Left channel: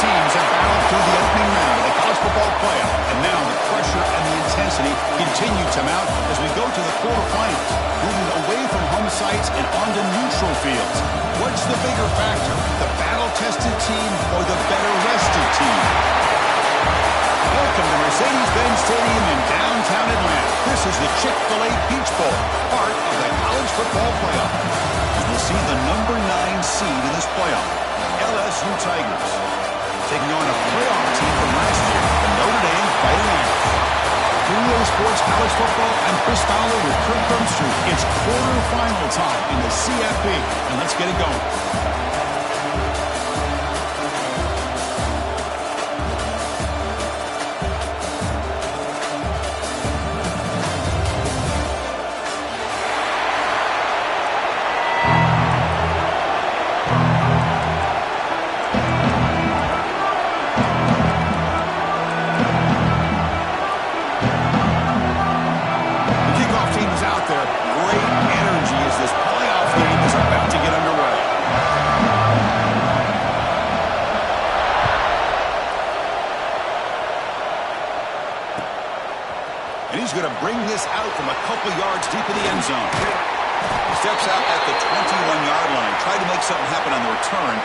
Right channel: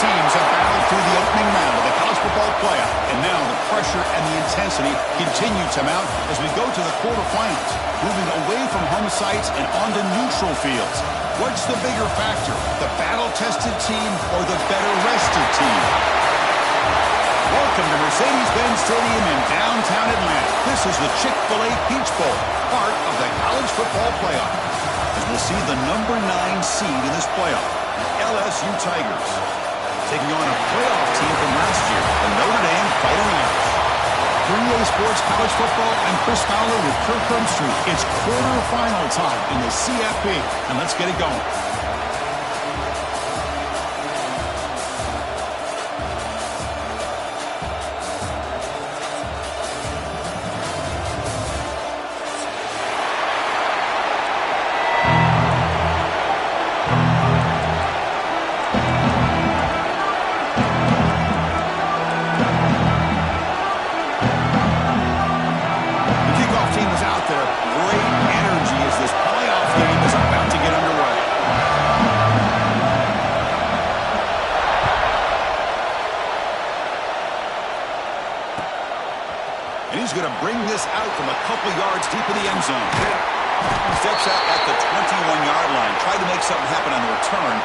teams have battled through the opening round of the college football playoff, and now the pressure and the intensity continue to mount as we go to the quarterfinals, moving away from home sites and onto neutral fields. What's the bigger factor, the battle-tested team or the better-rested team? Welcome to Mercedes-Benz Stadium in downtown Atlanta. This is the Chick-fil-A Peach Bowl, part of the college football playoff. As we'll see the number 9 seed in this playoff, the LSU Tigers, taking on a playoff team from last year, the Notre Dame Fighting Irish. 3A Sports College Football, I'm Chris Fowler with Kirk Herbstreit. It's quarterfinal time in the CFB, and let's get it going. And he's going to bring this out from a couple yards deep in the end zone. Steps out at the 21-yard line. Tried to make something happen on the return.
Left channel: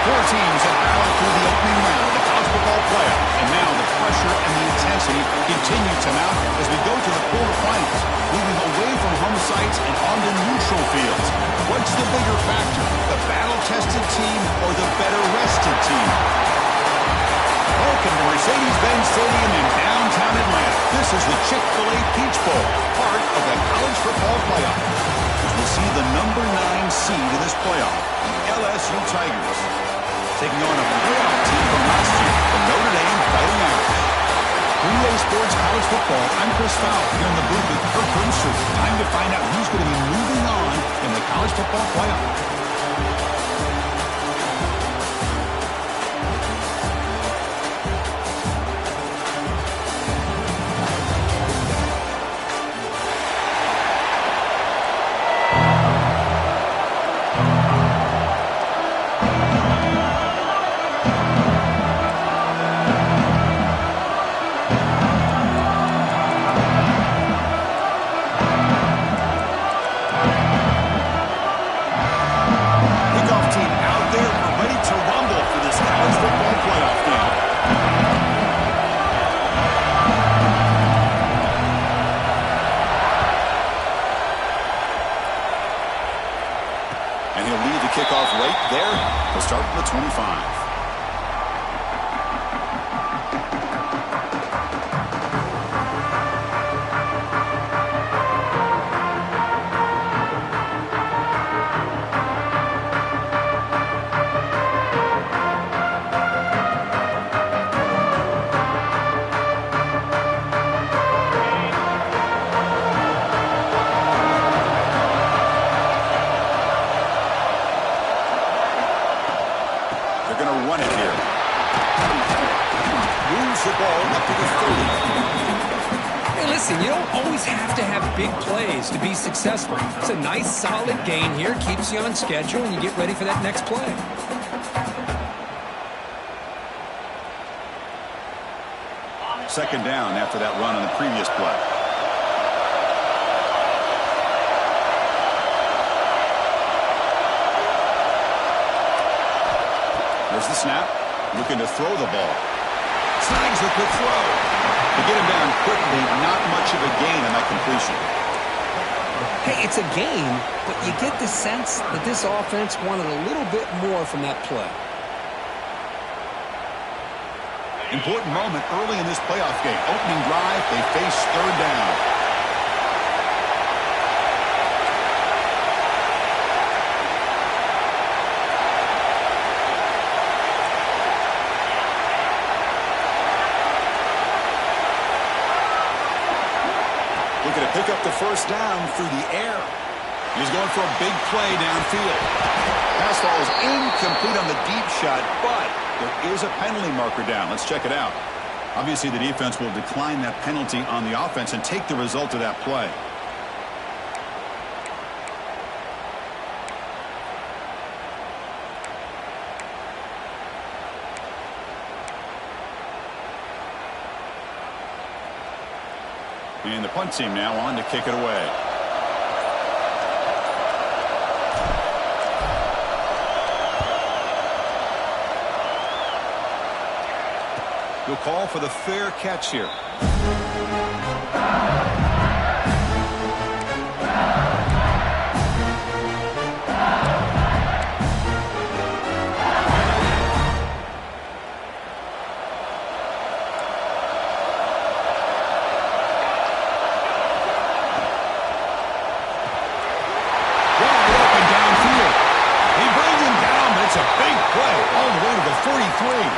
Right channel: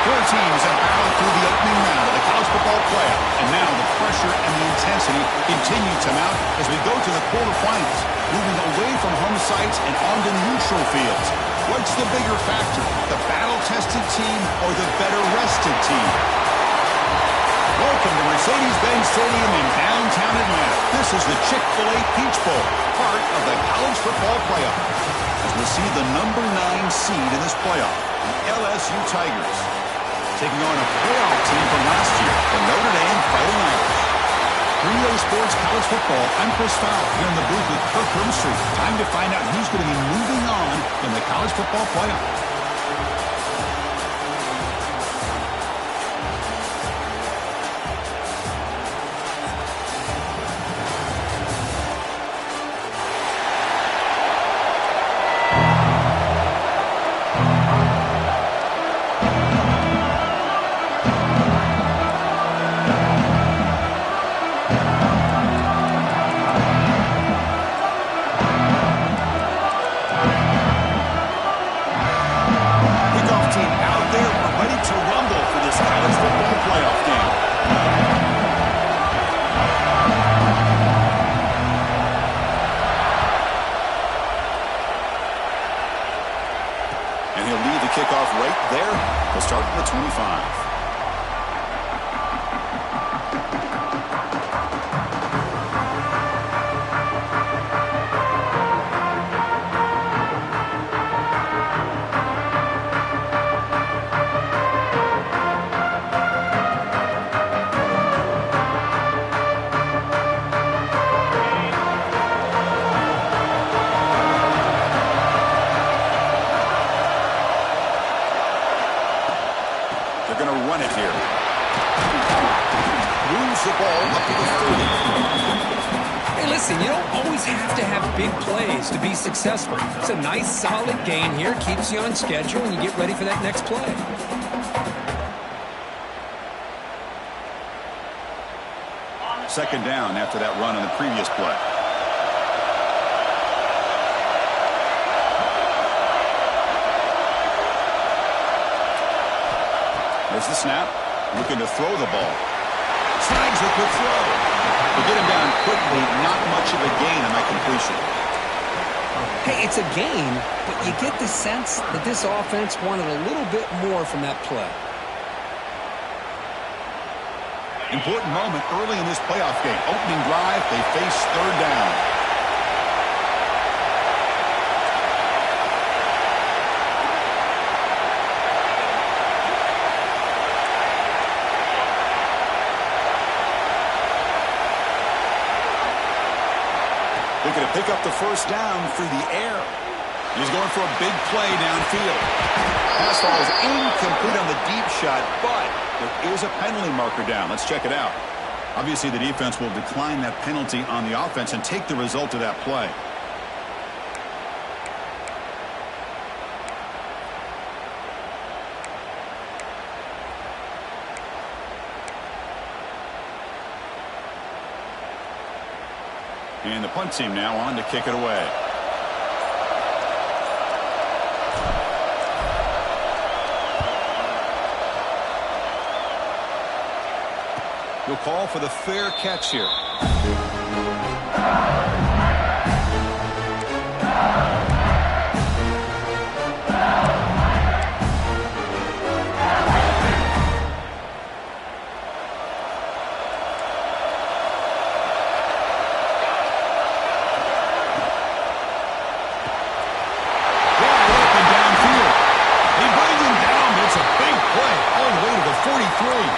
Four teams have battled through the opening round of the college football playoff, and now the pressure and the intensity continue to mount as we go to the quarterfinals, moving away from home sites and onto neutral fields. What's the bigger factor, the battle-tested team or the better-rested team? Welcome to Mercedes-Benz Stadium in downtown Atlanta. This is the Chick-fil-A Peach Bowl, part of the college football playoff. As we'll see the number 9 seed in this playoff, the LSU Tigers, taking on a playoff team from last year, the Notre Dame Fighting Irish. 3A Sports College Football, I'm Chris Fowler, here in the booth with Kirk Herbstreit. Time to find out who's going to be moving on in the college football playoff. And he'll lead the kickoff right there. He'll start at the 25. They're going to run it here. Moves the ball up to the 30. Hey, listen, you don't always have to have big plays to be successful. It's a nice, solid gain here. Keeps you on schedule, and you get ready for that next play. Second down after that run on the previous play. There's the snap. Looking to throw the ball. Snags the quick throw. To get him down quickly, not much of a gain on that completion. Hey, it's a gain, but you get the sense that this offense wanted a little bit more from that play. Important moment early in this playoff game. Opening drive, they face third down. Looking to pick up the first down through the air. He's going for a big play downfield. Pass falls incomplete on the deep shot, but there is a penalty marker down. Let's check it out. Obviously, the defense will decline that penalty on the offense and take the result of that play. And the punt team now on to kick it away. He'll call for the fair catch here. It's a big play all the way to the 43.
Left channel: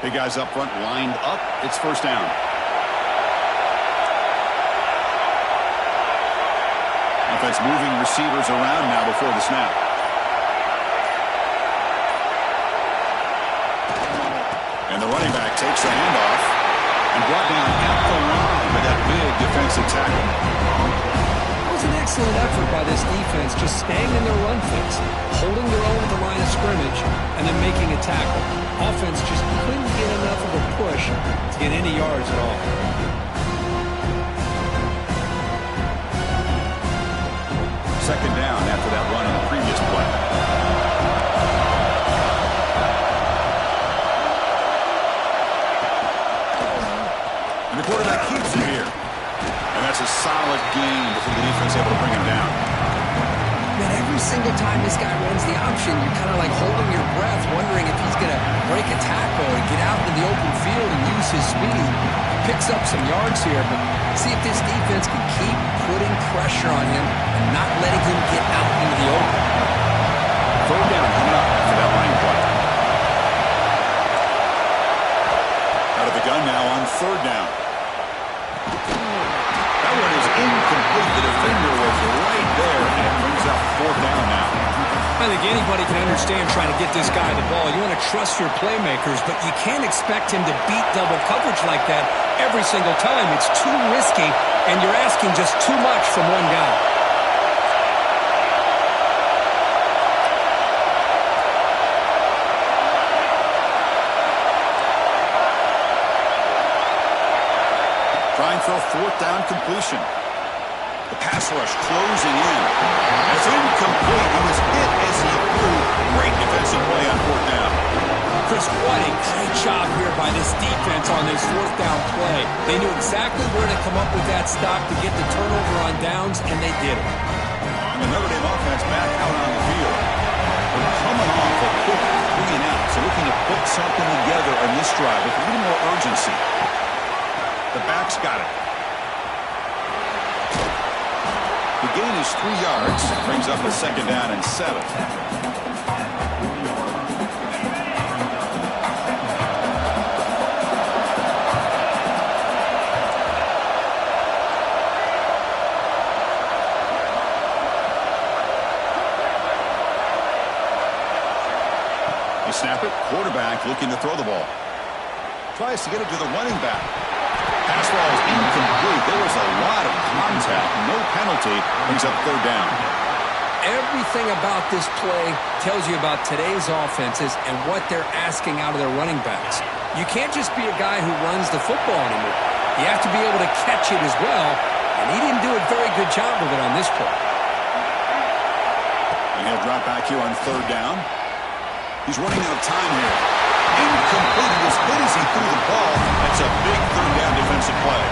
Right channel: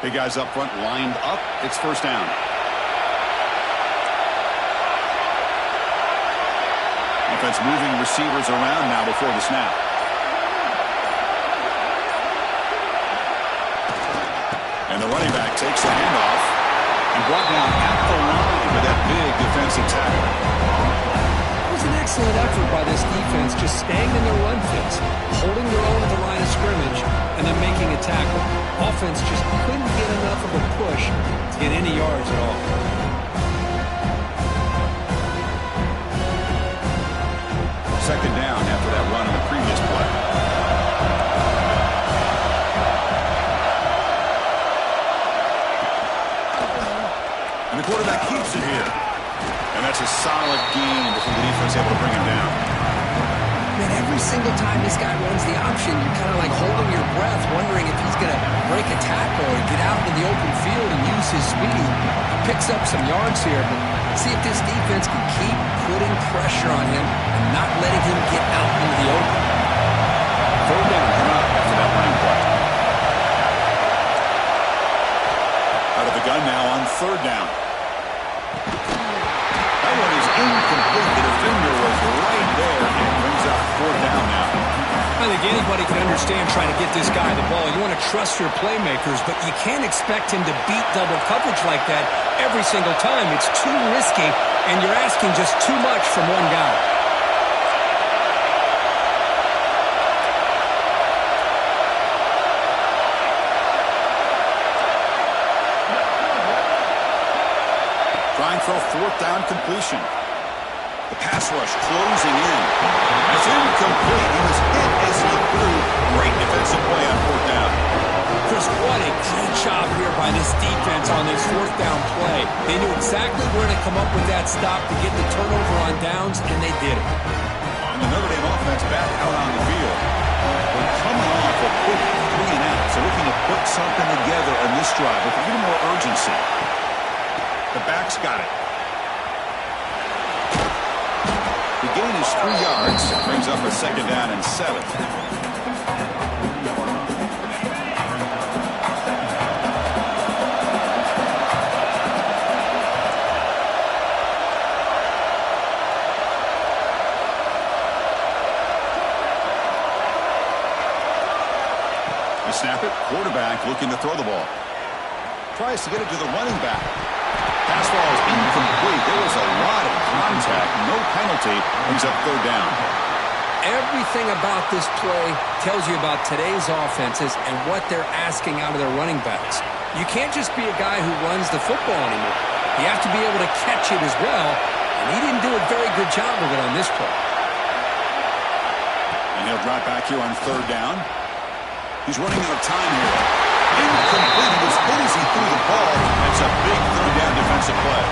Big guys up front lined up. It's first down. Offense moving receivers around now before the snap. And the running back takes the handoff and brought down at the line with that big defensive tackle. It was an excellent effort by this defense, just staying in their run fits, holding their own at the line of scrimmage, and then making a tackle. Offense just couldn't get enough of a push to get any yards at all. Second down after that run on the previous play. And the quarterback keeps it here. And that's a solid gain before the defense able to bring him down. Man, every single time this guy runs the option, you're kind of like holding your breath, wondering if he's going to break a tackle or get out into the open field and use his speed. He picks up some yards here, but see if this defense can keep putting pressure on him and not letting him get out into the open. Third down coming up after that running play. Out of the gun now on third down. That one is incomplete. The defender was right there and brings up fourth down now. I think anybody can understand trying to get this guy the ball. You want to trust your playmakers, but you can't expect him to beat double coverage like that every single time. It's too risky, and you're asking just too much from one guy. Trying for a fourth down completion. The pass rush closing in. It's incomplete. He was hit as he threw. Great defensive play on fourth down. Chris, what a great job here by this defense on this fourth down play. They knew exactly where to come up with that stop to get the turnover on downs, and they did it. And the Notre Dame offense back out on the field. We're coming off a quick 3 and out, so looking to put something together on this drive with a little more urgency. The back's got it. The gain is 3 yards. Brings up a second down and 7. snap it. Quarterback looking to throw the ball. Tries to get it to the running back. Pass ball is incomplete. There was a lot of contact. No penalty. Brings up third down. Everything about this play tells you about today's offenses and what they're asking out of their running backs. You can't just be a guy who runs the football anymore. You have to be able to catch it as well, and he didn't do a very good job of it on this play. And he'll drop back here on third down. He's running out of time here. Incomplete. He was hit as he threw the ball. That's a big third down defensive play.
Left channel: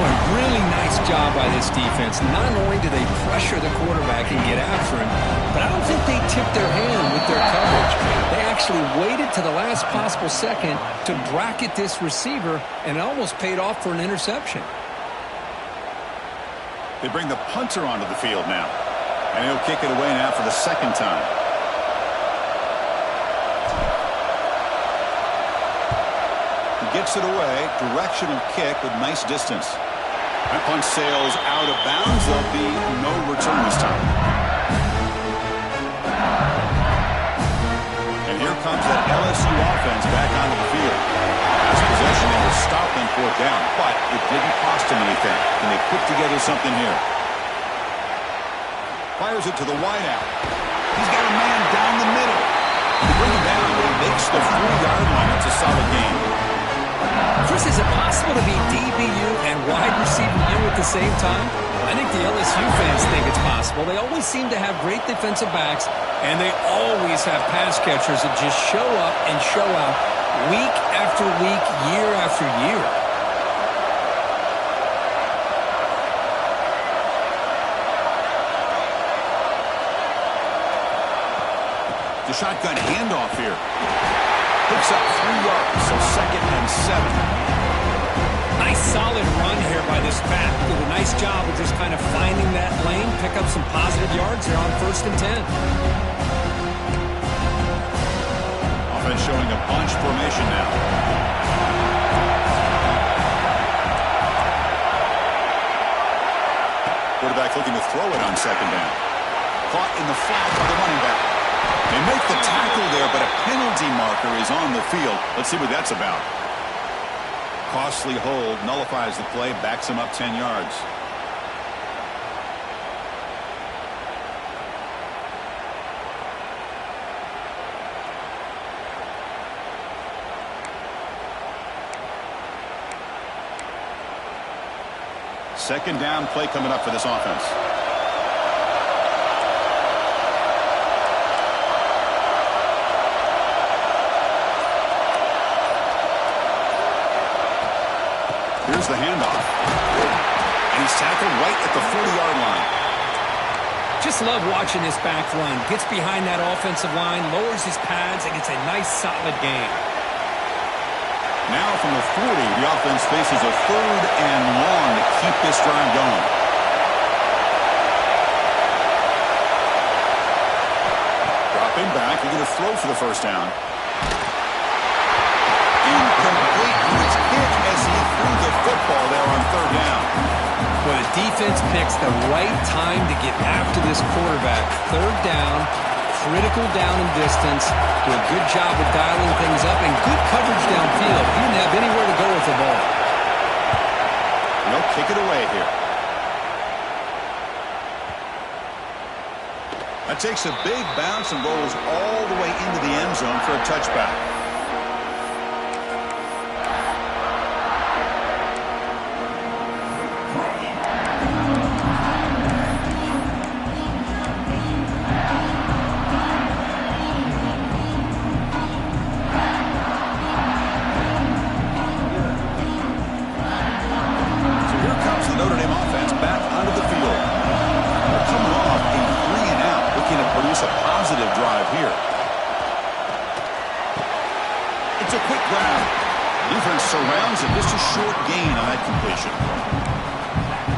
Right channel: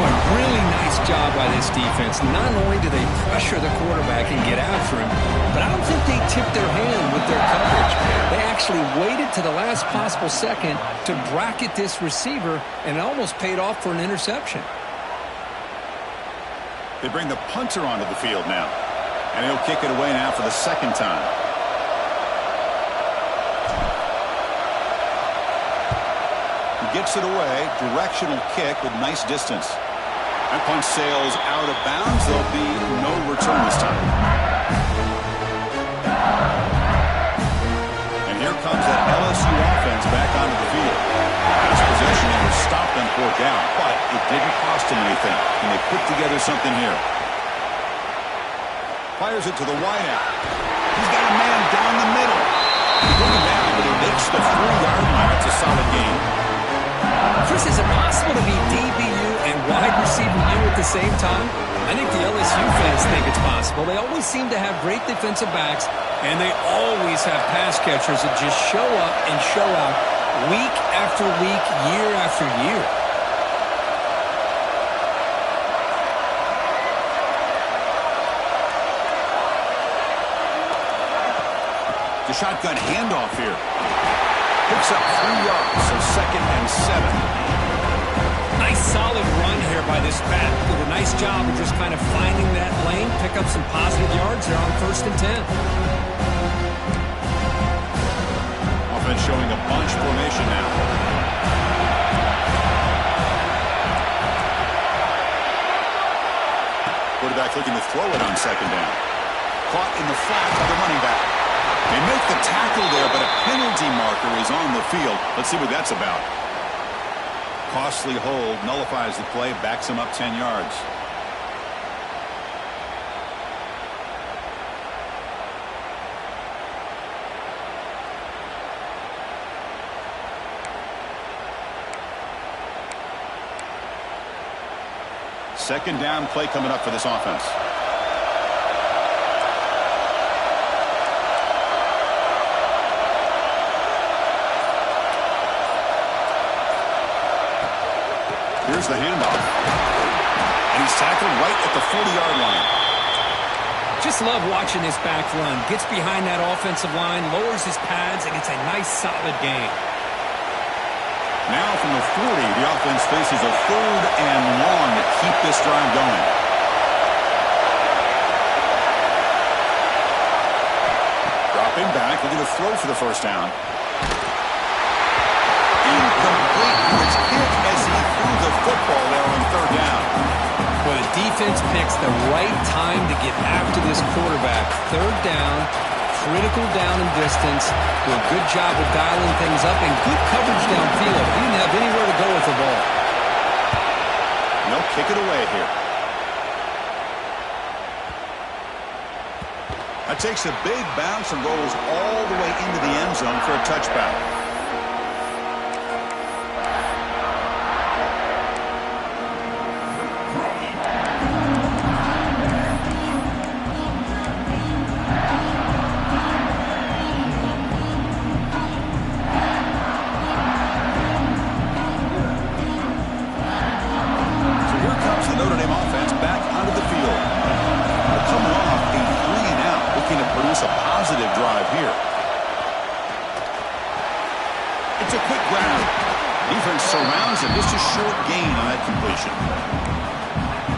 Boy, really nice job by this defense. Not only do they pressure the quarterback and get after him, but I don't think they tipped their hand with their coverage. They actually waited to the last possible second to bracket this receiver, and it almost paid off for an interception. They bring the punter onto the field now. And he'll kick it away now for the second time. He gets it away. Directional kick with nice distance. That punch sails out of bounds. There'll be no return this time. And here comes that LSU offense back onto the field. Last possession, they were stopped on fourth down, but it didn't cost them anything. And they put together something here. Fires it to the wideout. He's got a man down the middle. They bring him down, but he makes the 40-yard line. That's a solid game. Chris, is it possible to be DBU and wide receiver U at the same time? I think the LSU fans think it's possible. They always seem to have great defensive backs, and they always have pass catchers that just show up and show out week after week, year after year. The shotgun handoff here. Picks up 3 yards, so 2nd and 7. Nice solid run here by this back. Did a nice job of just kind of finding that lane, pick up some positive yards there on 1st and 10. Offense showing a bunch formation now. Quarterback looking to throw it on 2nd down. Caught in the flat by the running back. They make the tackle there, but a penalty marker is on the field. Let's see what that's about. Costly hold, nullifies the play, backs him up 10 yards. Second down play coming up for this offense. Here's the handoff. And he's tackled right at the 40-yard line. Just love watching this back run. Gets behind that offensive line, lowers his pads, and gets a nice solid gain. Now from the 40, the offense faces a 3rd and long to keep this drive going. Dropping back, looking to throw for the first down. Incomplete. He was hit as he threw the football there on 3rd down. Well, the defense picks the right time to get after this quarterback. 3rd down, critical down and distance. Do a good job of dialing things up and good coverage downfield. He didn't have anywhere to go with the ball. And he'll kick it away here. That takes a big bounce and rolls all the way into the end zone for a touchback. Notre Dame offense back onto the field. They're coming off a 3-and-out, looking to produce a positive drive here. It's a quick grab. Defense surrounds him. Just a short gain on that completion.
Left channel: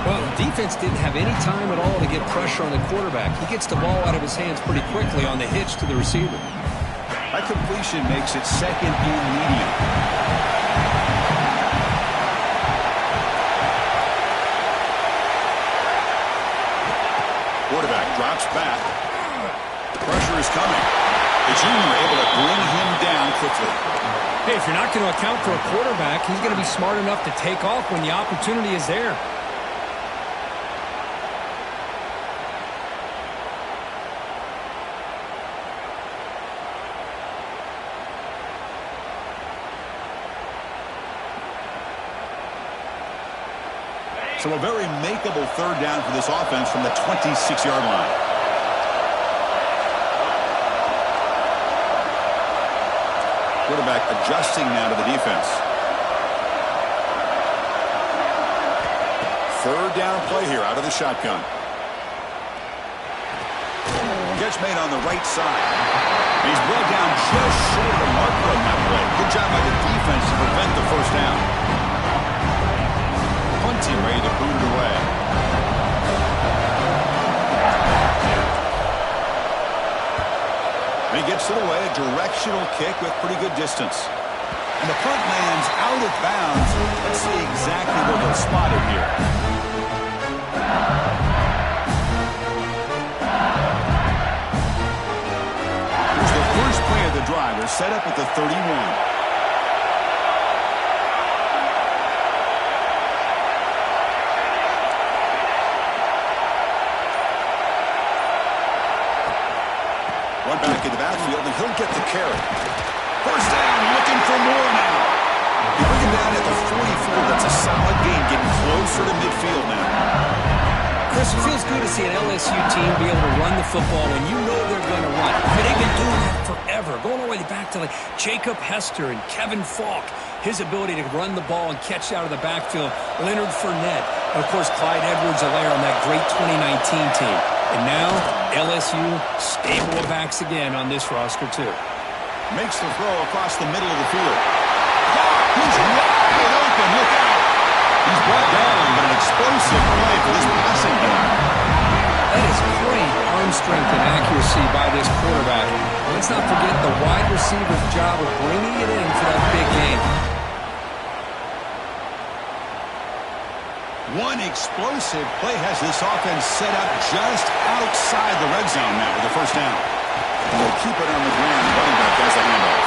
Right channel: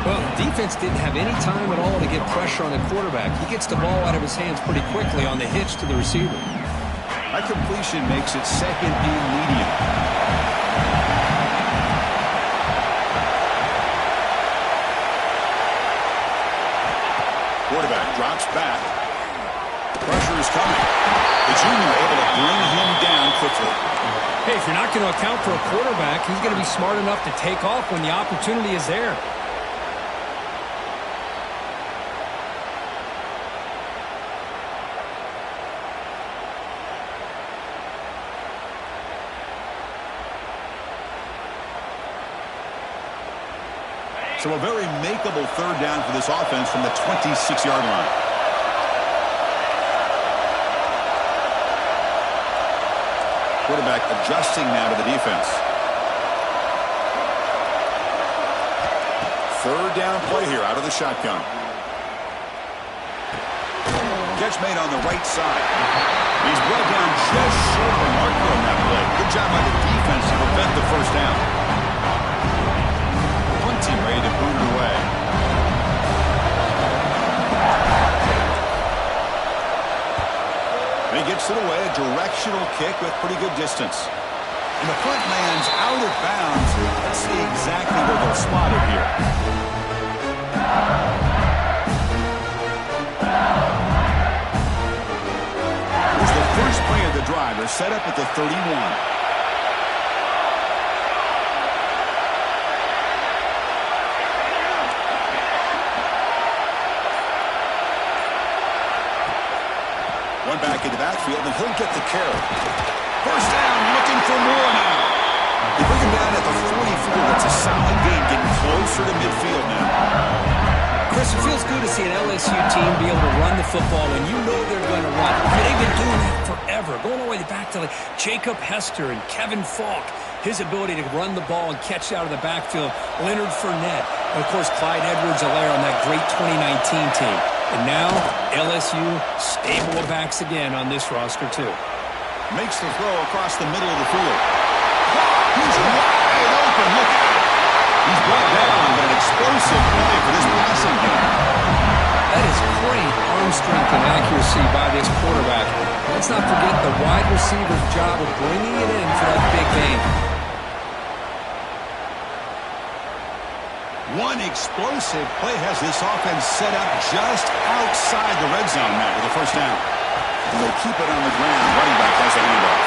Well, the defense didn't have any time at all to get pressure on the quarterback. He gets the ball out of his hands pretty quickly on the hitch to the receiver. That completion makes it 2nd and medium. Quarterback drops back. Pressure is coming. The junior able to bring him down quickly. Hey, if you're not going to account for a quarterback, he's going to be smart enough to take off when the opportunity is there. So a very makeable third down for this offense from the 26-yard line. Quarterback adjusting now to the defense. Third down play here out of the shotgun. Catch made on the right side. He's brought down just short of the marker on that play. Good job by the defense to prevent the first down. Punt team ready to boot it away. And he gets it away, a directional kick with pretty good distance. And the punt lands out of bounds. Let's see exactly where they'll spot it here. Here's the first play of the drive. They're set up at the 31. One back into backfield, and he'll get the carry. First down, looking for more now. They bring him down at the 44. That's a solid gain, getting closer to midfield now. Chris, it feels good to see an LSU team be able to run the football when you know they're going to run. I mean, they've been doing that forever, going all the way back to like Jacob Hester and Kevin Falk. His ability to run the ball and catch out of the backfield. Leonard Fournette. And of course, Clyde Edwards-Helaire on that great 2019 team. And now, LSU stable of backs again on this roster, too. Makes the throw across the middle of the field. He's wide open. Look out. He's brought down, but an explosive play for this passing game. That is great arm strength and accuracy by this quarterback. Let's not forget the wide receiver's job of bringing it in for that big game. One explosive play has this offense set up just outside the red zone now with a first down. And they'll keep it on the ground. Running back has the handoff.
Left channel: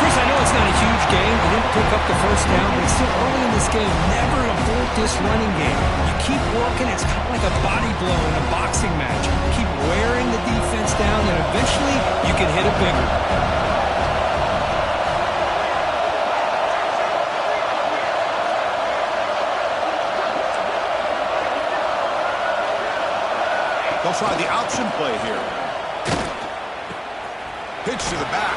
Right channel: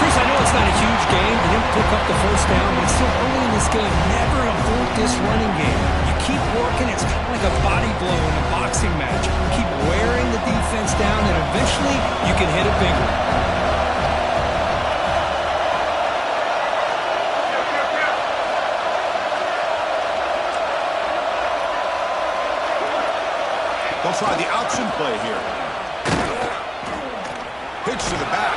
Chris, I know it's not a huge game. They didn't pick up the first down, but it's still early in this game. Never abort this running game. You keep working. It's kind of like a body blow in a boxing match. Keep wearing the defense down, and eventually you can hit it bigger. They'll try the option play here. Pitch to the back.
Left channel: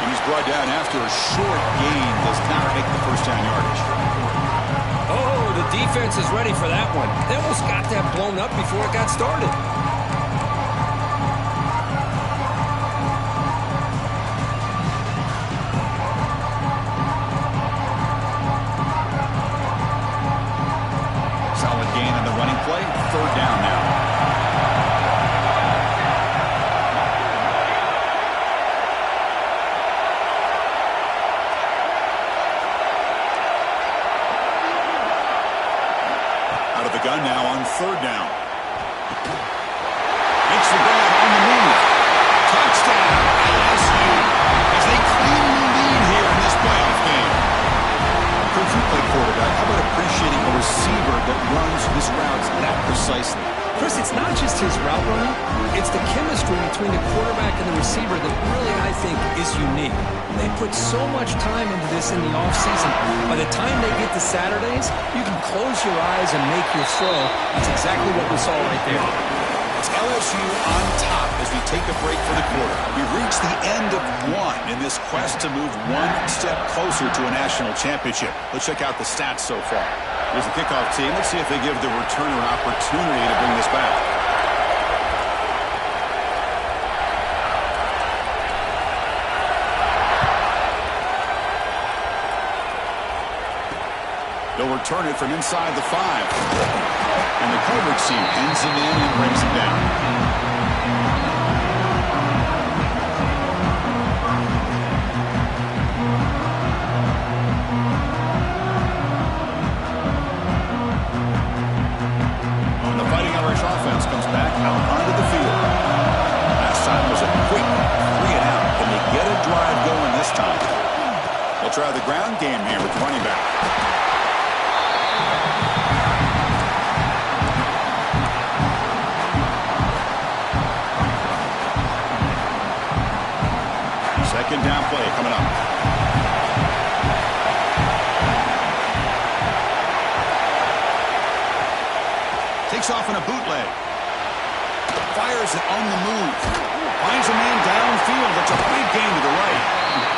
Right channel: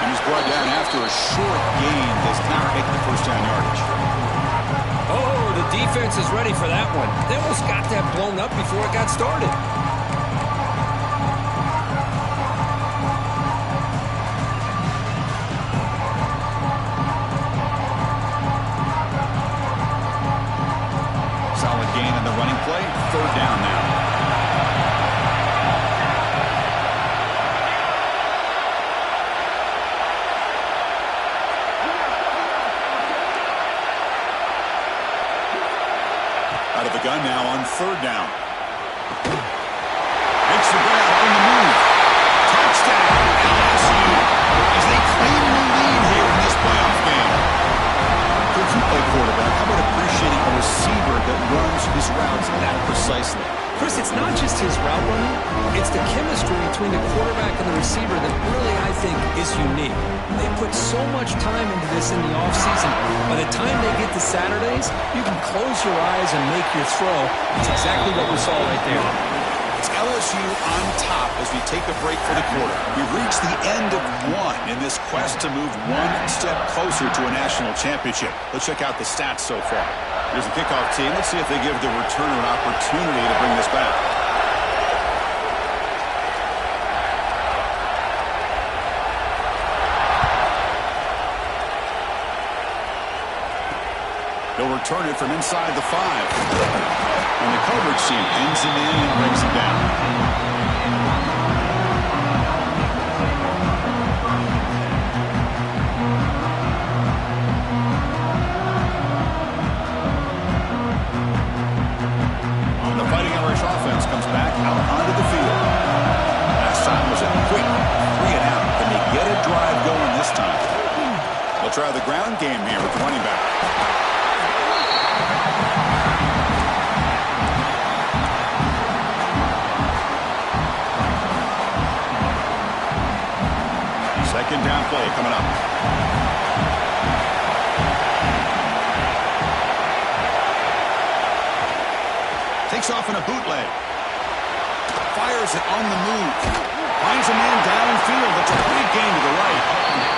And he's brought down after a short gain. Does not make the first down yardage. Oh, the defense is ready for that one. They almost got that blown up before it got started. Solid gain on the running play. Third down now. Out of the gun now on third down. Makes the grab on the move. Touchdown, LSU, as they claim the lead here in this playoff game. Could you play quarterback? How about appreciating a receiver that runs his routes that precisely? Chris, it's not just his route running. It's the chemistry between the quarterback and the receiver that really, I think, is unique. They put so much time into this in the offseason. By the time they get to Saturdays, you can close your eyes and make your throw. That's exactly what we saw right there. It's LSU on top as we take a break for the quarter. We've reached the end of one in this quest to move one step closer to a national championship. Let's check out the stats so far. Here's the kickoff team. Let's see if they give the returner an opportunity to bring this back. They'll return it from inside the 5. And the coverage team pins him in and brings him down. And the Fighting Irish offense comes back out onto the field. get a drive going this time. They'll try the ground game here with the running back. Second down play coming up. Takes off in a bootleg. Fires it on the move. Finds a man downfield. That's a big gain to the right.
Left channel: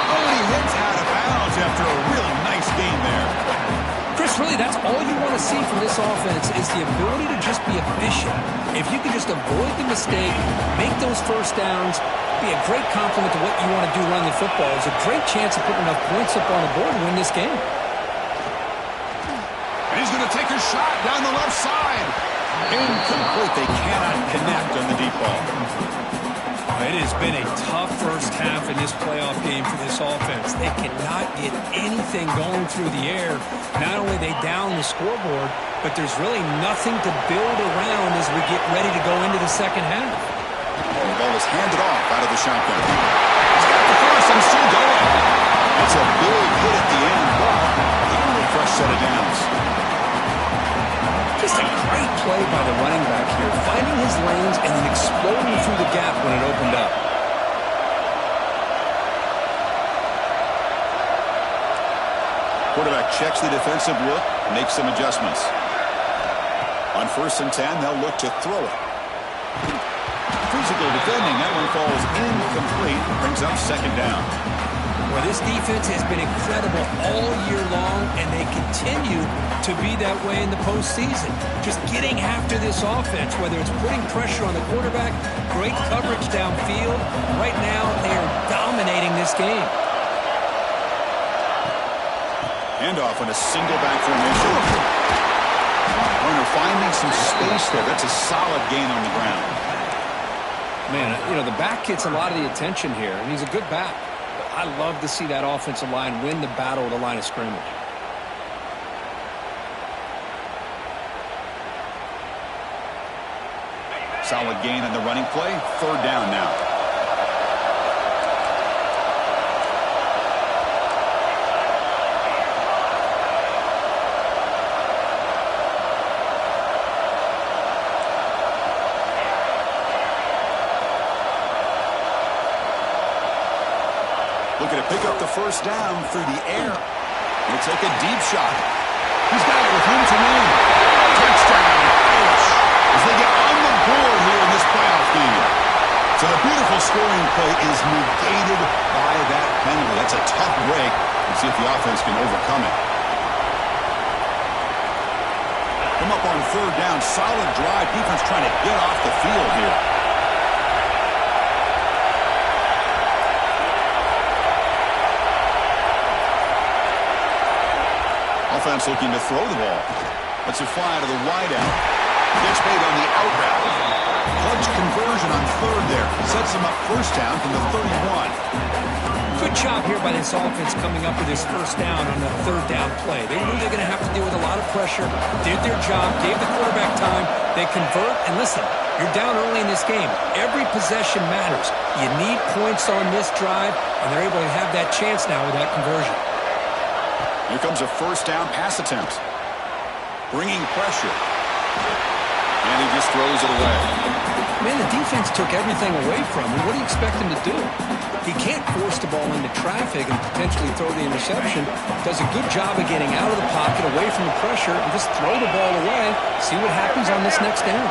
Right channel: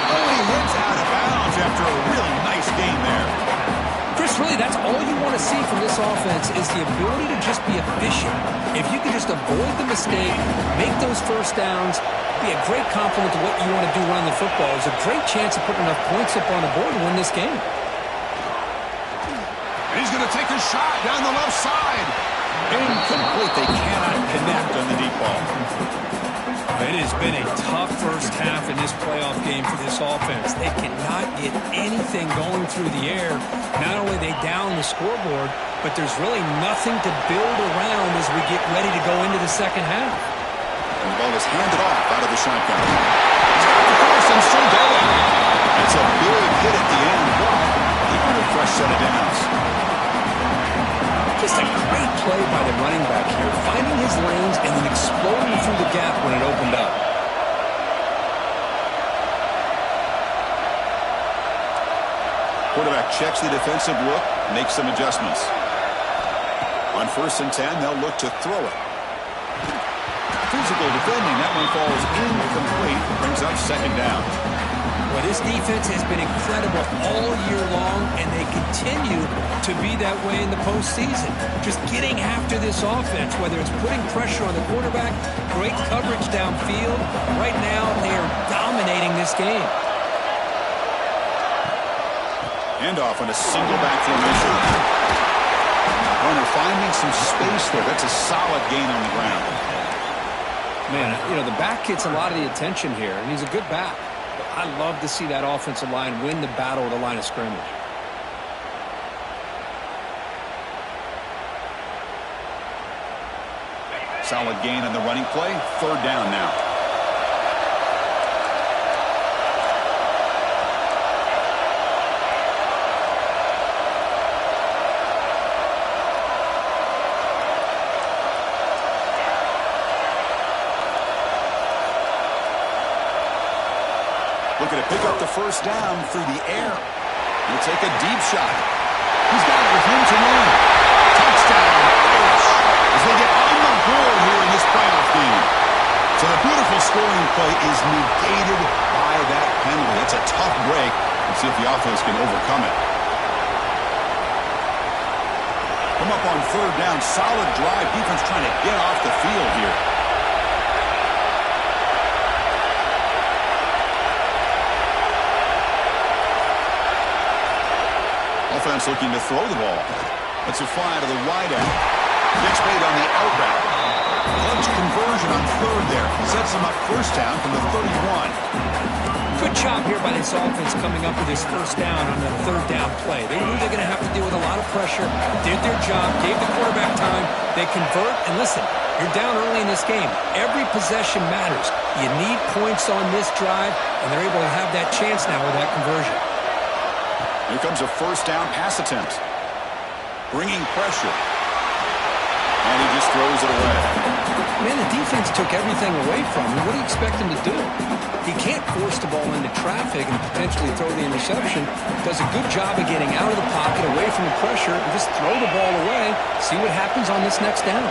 Oh, and he hits out of bounds after a really nice gain there. Chris, really, that's all you want to see from this offense is the ability to just be efficient. If you can just avoid the mistake, make those first downs, be a great compliment to what you want to do running the football. It's a great chance of putting enough points up on the board to win this game. And he's going to take a shot down the left side. Incomplete. They cannot connect on the deep ball. It has been a tough first half in this playoff game for this offense. They cannot get anything going through the air. Not only are they down the scoreboard, but there's really nothing to build around as we get ready to go into the second half. And the ball is handed off out of the shotgun. He's got the first and still going. That's a big hit at the end, but he got a fresh set of downs. Just a great play by the running back here, finding his lanes and then exploding through the gap when it opened up. Quarterback checks the defensive look, makes some adjustments. On 1st and 10, they'll look to throw it. Physical defending, that one falls incomplete, brings up second down. Well, this defense has been incredible all year long, and they continue to be that way in the postseason. Just getting after this offense, whether it's putting pressure on the quarterback, great coverage downfield. Right now, they are dominating this game. Handoff on a single back formation. Runner finding some space there. That's a solid gain on the ground. Man, you know, the back gets a lot of the attention here, and he's a good back. I love to see that offensive line win the battle at the line of scrimmage. Solid gain on the running play. 3rd down now. Looking to pick up the first down through the air. He'll take a deep shot. He's got it with room to run. Touchdown, Irish, as they get on the board here in this playoff game. So the beautiful scoring play is negated by that penalty. That's a tough break. Let's see if the offense can overcome it. Come up on 3rd down. Solid drive. Defense trying to get off the field here. Offense looking to throw the ball. Let's it fly to the wideout. Gets made on the out route. Clutch conversion on 3rd there. Sets them up first down from the 31. Good job here by this offense coming up with this first down on the 3rd down play. They knew they're going to have to deal with a lot of pressure. Did their job. Gave the quarterback time. They convert. And listen, you're down early in this game. Every possession matters. You need points on this drive, and they're able to have that chance now with that conversion. Here comes a first down pass attempt. Bringing pressure. And he just throws it away. Man, the defense took everything away from him. What do you expect him to do? He can't force the ball into traffic and potentially throw the interception. Does a good job of getting out of the pocket, away from the pressure, and just throw the ball away. See what happens on this next down.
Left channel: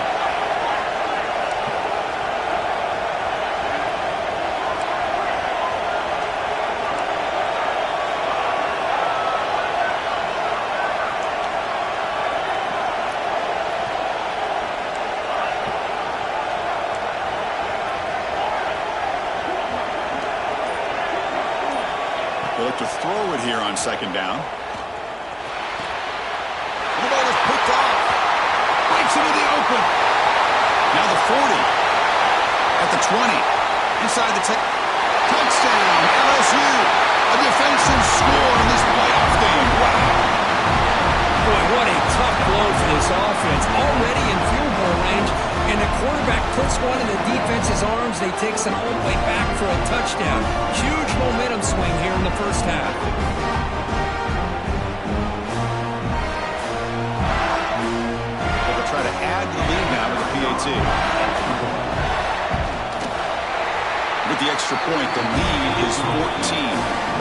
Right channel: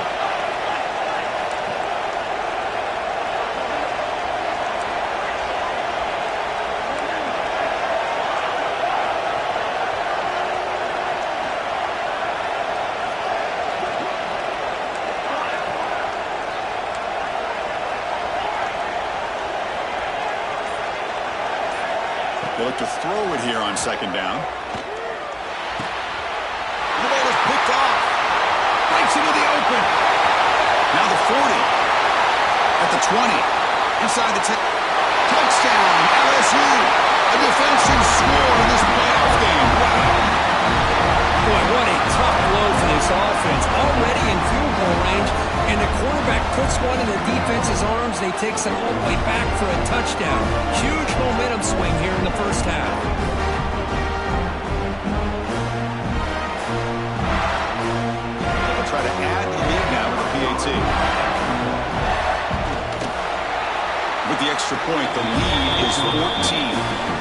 They look to throw it here on 2nd down. And the ball is picked off. Breaks into the open. Now the 40. At the 20. Inside the 10. Touchdown, LSU. A defensive score in this playoff game. Wow. Boy, what a tough blow for this offense. Already in field goal range, and the quarterback puts one in the defense's arms. They takes it all the way back for a touchdown. Huge momentum swing here in the first half. They'll try to add to the lead now with the PAT. With the extra point, the lead is 14.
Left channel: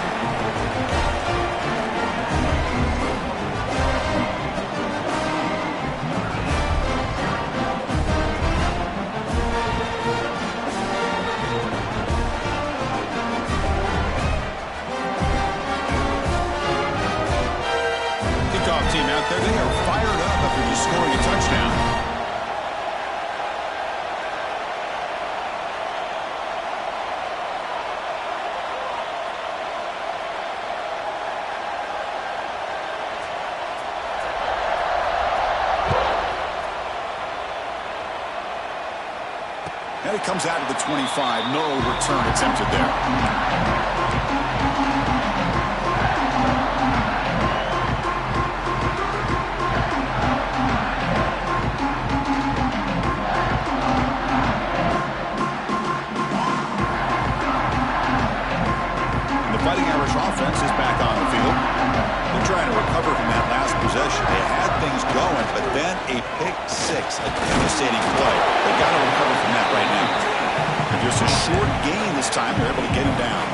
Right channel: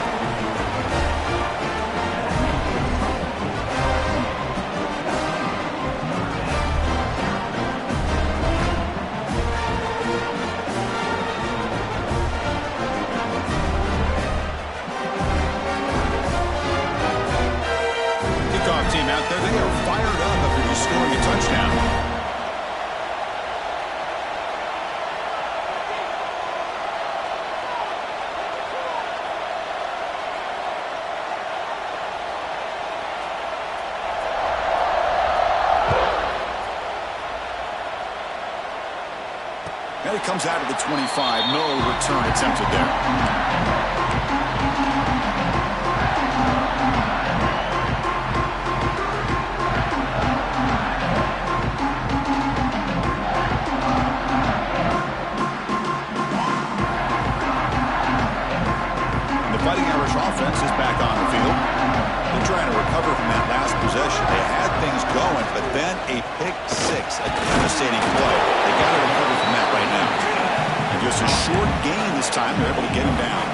Team out there, they are fired up after just scoring a touchdown. And it comes out of the 25. No return attempted there. Fighting Irish offense is back on the field. They're trying to recover from that last possession. They had things going, but then a pick six, a devastating play. They got to recover from that right now. And just a short gain this time, they're able to get him down.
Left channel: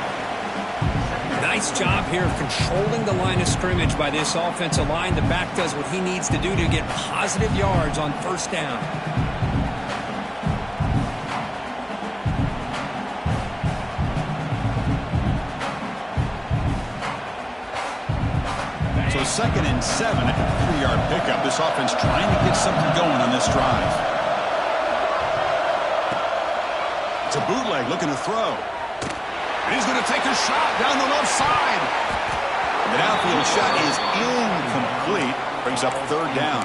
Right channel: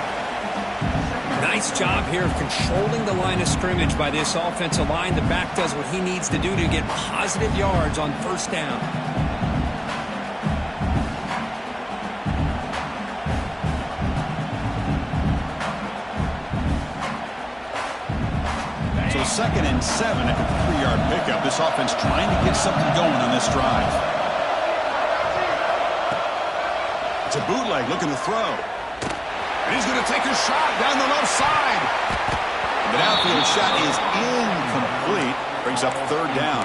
Nice job here of controlling the line of scrimmage by this offensive line. The back does what he needs to do to get positive yards on first down. So 2nd and 7 at a 3-yard pickup. This offense trying to get something going on this drive. It's a bootleg looking to throw. And he's going to take a shot down the left side. And the downfield shot is incomplete. Brings up 3rd down.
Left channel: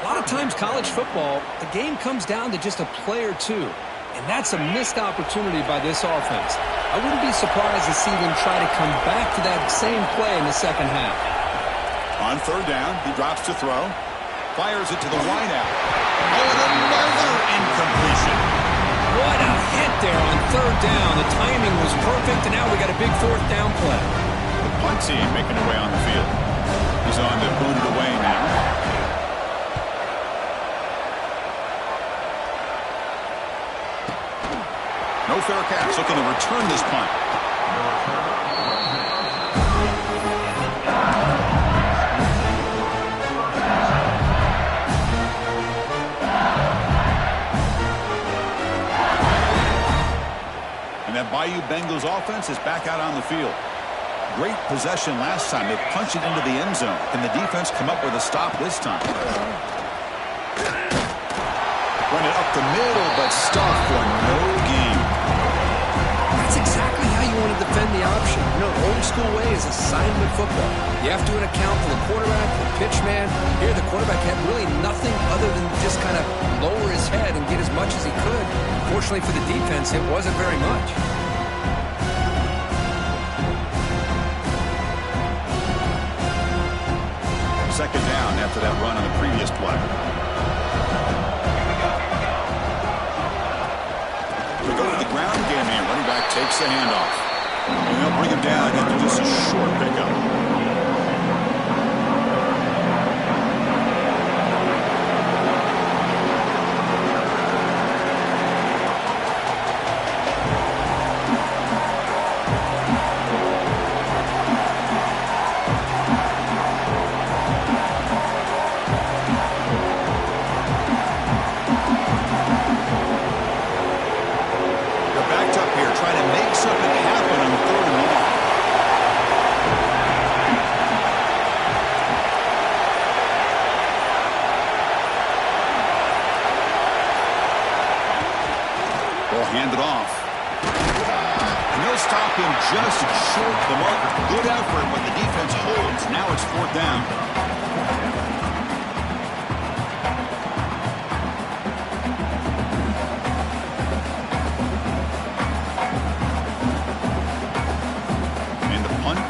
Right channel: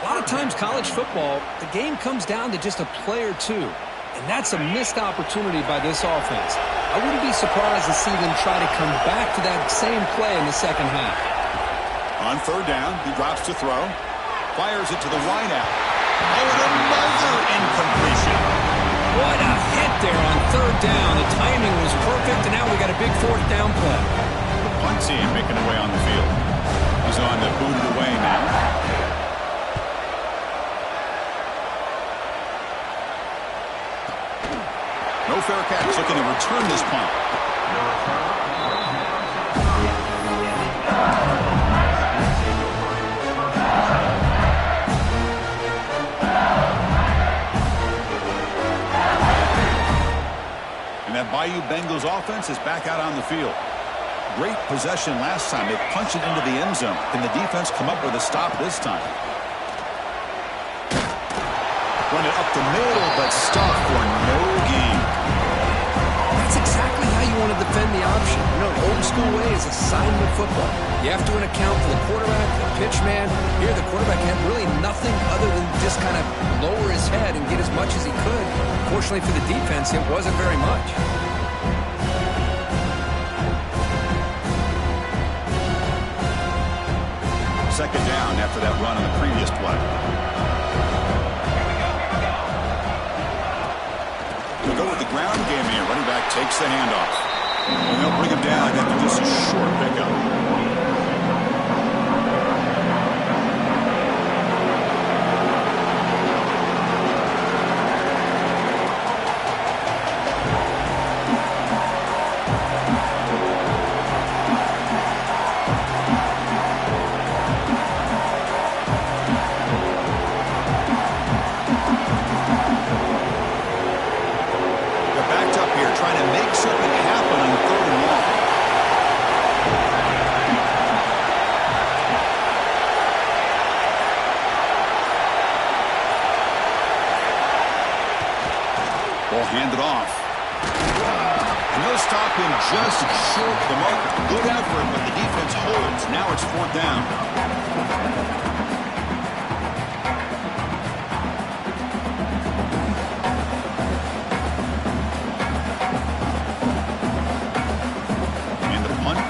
A lot of times college football, the game comes down to just a play or two. And that's a missed opportunity by this offense. I wouldn't be surprised to see them try to come back to that same play in the second half. On 3rd down, he drops to throw. Fires it to the wideout. Oh, and another incompletion. What a hit there on 3rd down. The timing was perfect, and now we got a big 4th down play. The punt team making their way on the field. He's on to boot it away now. No fair catch, looking to return this punt. And that Bayou Bengals offense is back out on the field. Great possession last time. They punched it into the end zone. Can the defense come up with a stop this time? Run it up the middle, but stuffed for no gain. That's exactly how you want to defend the option. You know, old school way is assignment football. You have to account for the quarterback, the pitch man. Here, the quarterback had really nothing other than just kind of lower his head and get as much as he could. Fortunately for the defense, it wasn't very much. Second down after that run on the previous play. We go with the ground game here. Running back takes the handoff. And they'll bring him down after just a short pickup. Trying to make something happen on 3rd and long. Ball handed off. And they'll stop him just short of the marker. Good effort, but the defense holds. Now it's 4th down.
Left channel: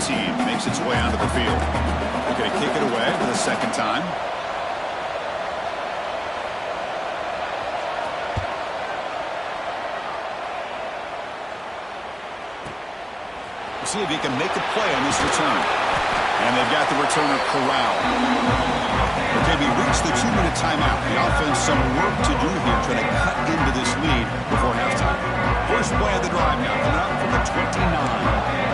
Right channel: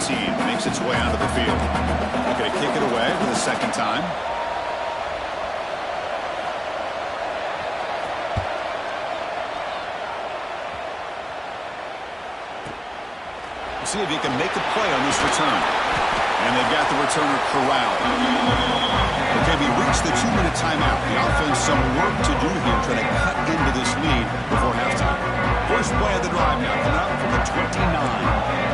Team makes its way onto the field. Looking to kick it away for the second time. See if he can make a play on this return. And they've got the returner corralled. Okay, we reached the 2-minute timeout. The offense some work to do here trying to cut into this lead before halftime. First play of the drive now coming out from the 29.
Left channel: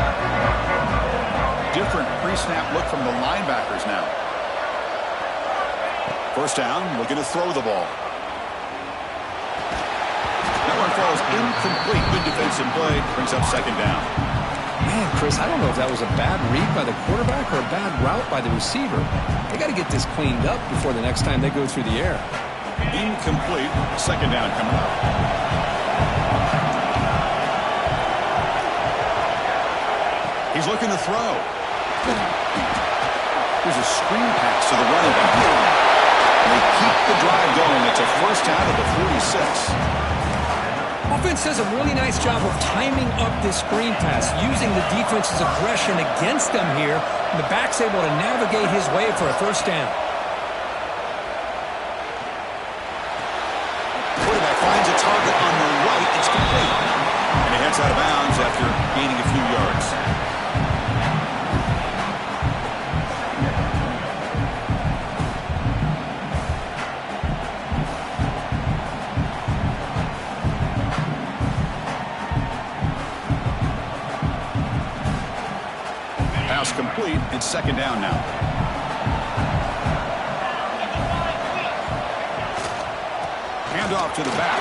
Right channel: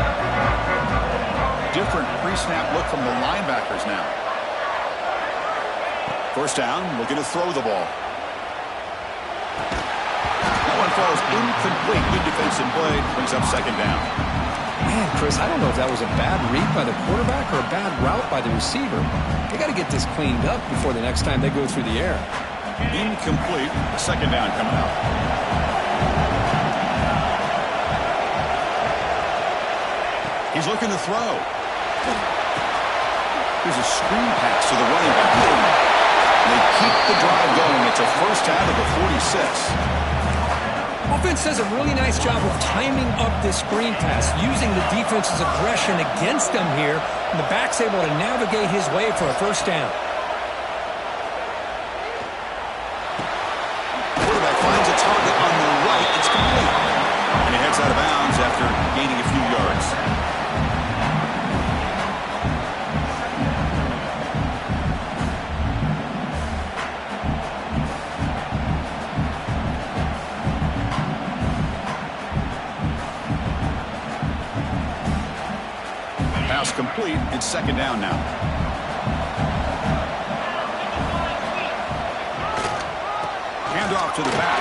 Different pre-snap look from the linebackers now. First down, looking to throw the ball. That one falls incomplete. Good defensive play, brings up second down. Man, Chris, I don't know if that was a bad read by the quarterback or a bad route by the receiver. They got to get this cleaned up before the next time they go through the air. Incomplete. Second down coming up. He's looking to throw. Here's a screen pass to the running back. They keep the drive going. It's a first down at the 46. Offense does a really nice job of timing up this screen pass, using the defense's aggression against them here, and the back's able to navigate his way for a first down. Quarterback finds a target on the right. It's complete. And he heads out of bounds after gaining a few yards. Pass complete. It's second down now. Handoff to the back.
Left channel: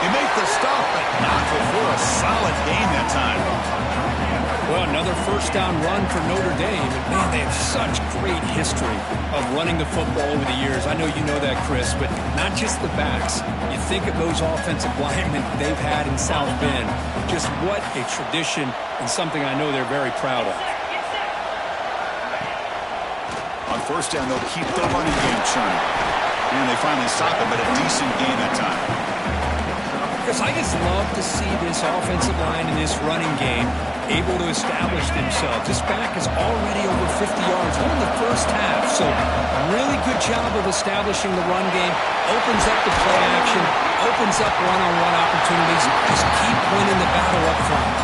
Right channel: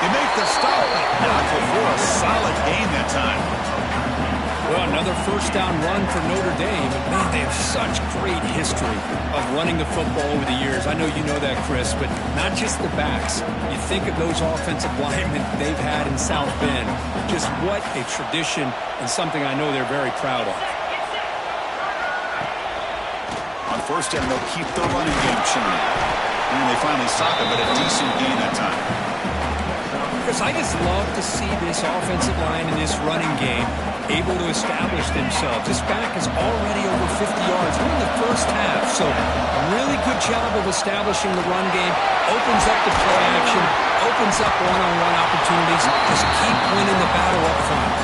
They make the stop, but not before a solid gain that time. Well, another first down run for Notre Dame. And, man, they have such great history of running the football over the years. I know you know that, Chris, but not just the backs. You think of those offensive linemen they've had in South Bend. Just what a tradition and something I know they're very proud of. On first down, they'll keep the running game churning. And they finally stop it, but a decent gain that time. Chris, I just love to see this offensive line and this running game able to establish themselves. This back is already over 50 yards. We're in the first half, so really good job of establishing the run game. Opens up the play action, opens up one-on-one opportunities. Just keep winning the battle up front.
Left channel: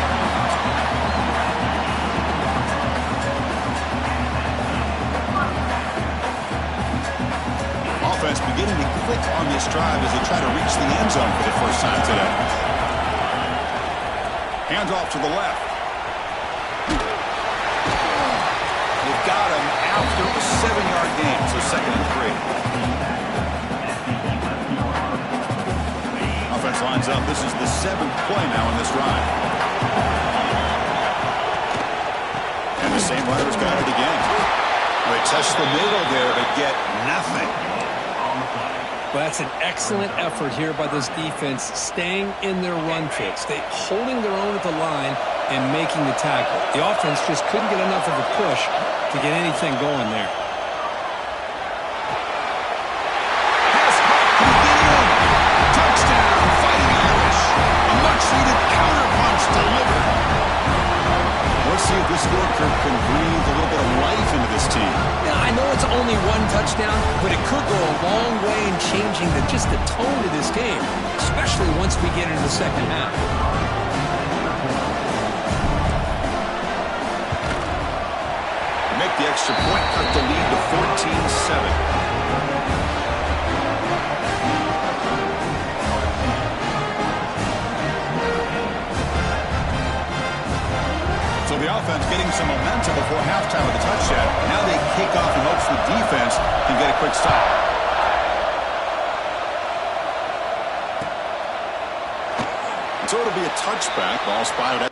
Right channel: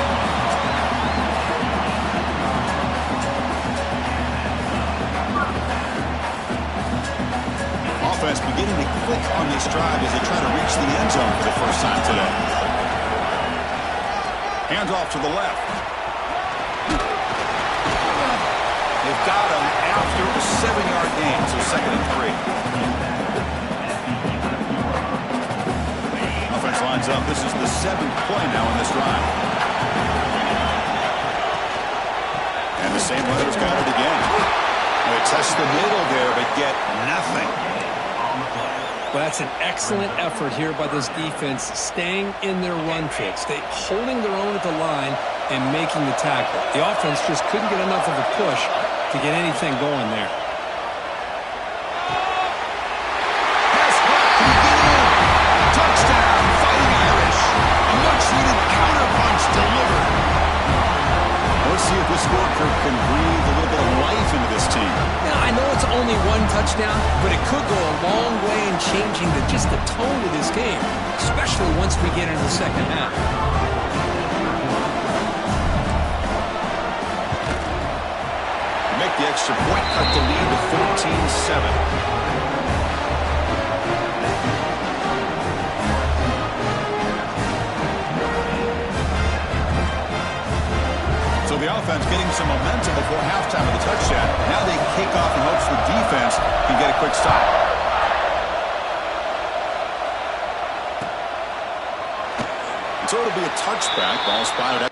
Offense beginning to click on this drive as they try to reach the end zone for the first time today. Hands off to the left. They've got him after a 7-yard gain, so 2nd and 3. Offense lines up. This is the 7th play now in this drive. And the same runners got it again. They touch the middle there, but get nothing. Well, that's an excellent effort here by this defense, staying in their run fits. They holding their own at the line and making the tackle. The offense just couldn't get enough of a push to get anything going there. Pass caught. Can he get it in? Touchdown, Fighting Irish. A much-needed counterpunch delivered. Let's see if this scorecard can breathe a little bit of life into this team. Yeah, I know it's only one touchdown, but it could go a long way in changing just the tone of this game, especially once we get into the second half. Make the extra point, cut the lead to 14-7. So the offense getting some momentum before halftime with a touchdown. Now they kick off in hopes the defense can get a quick stop. So it'll be a touchback. Ball spotted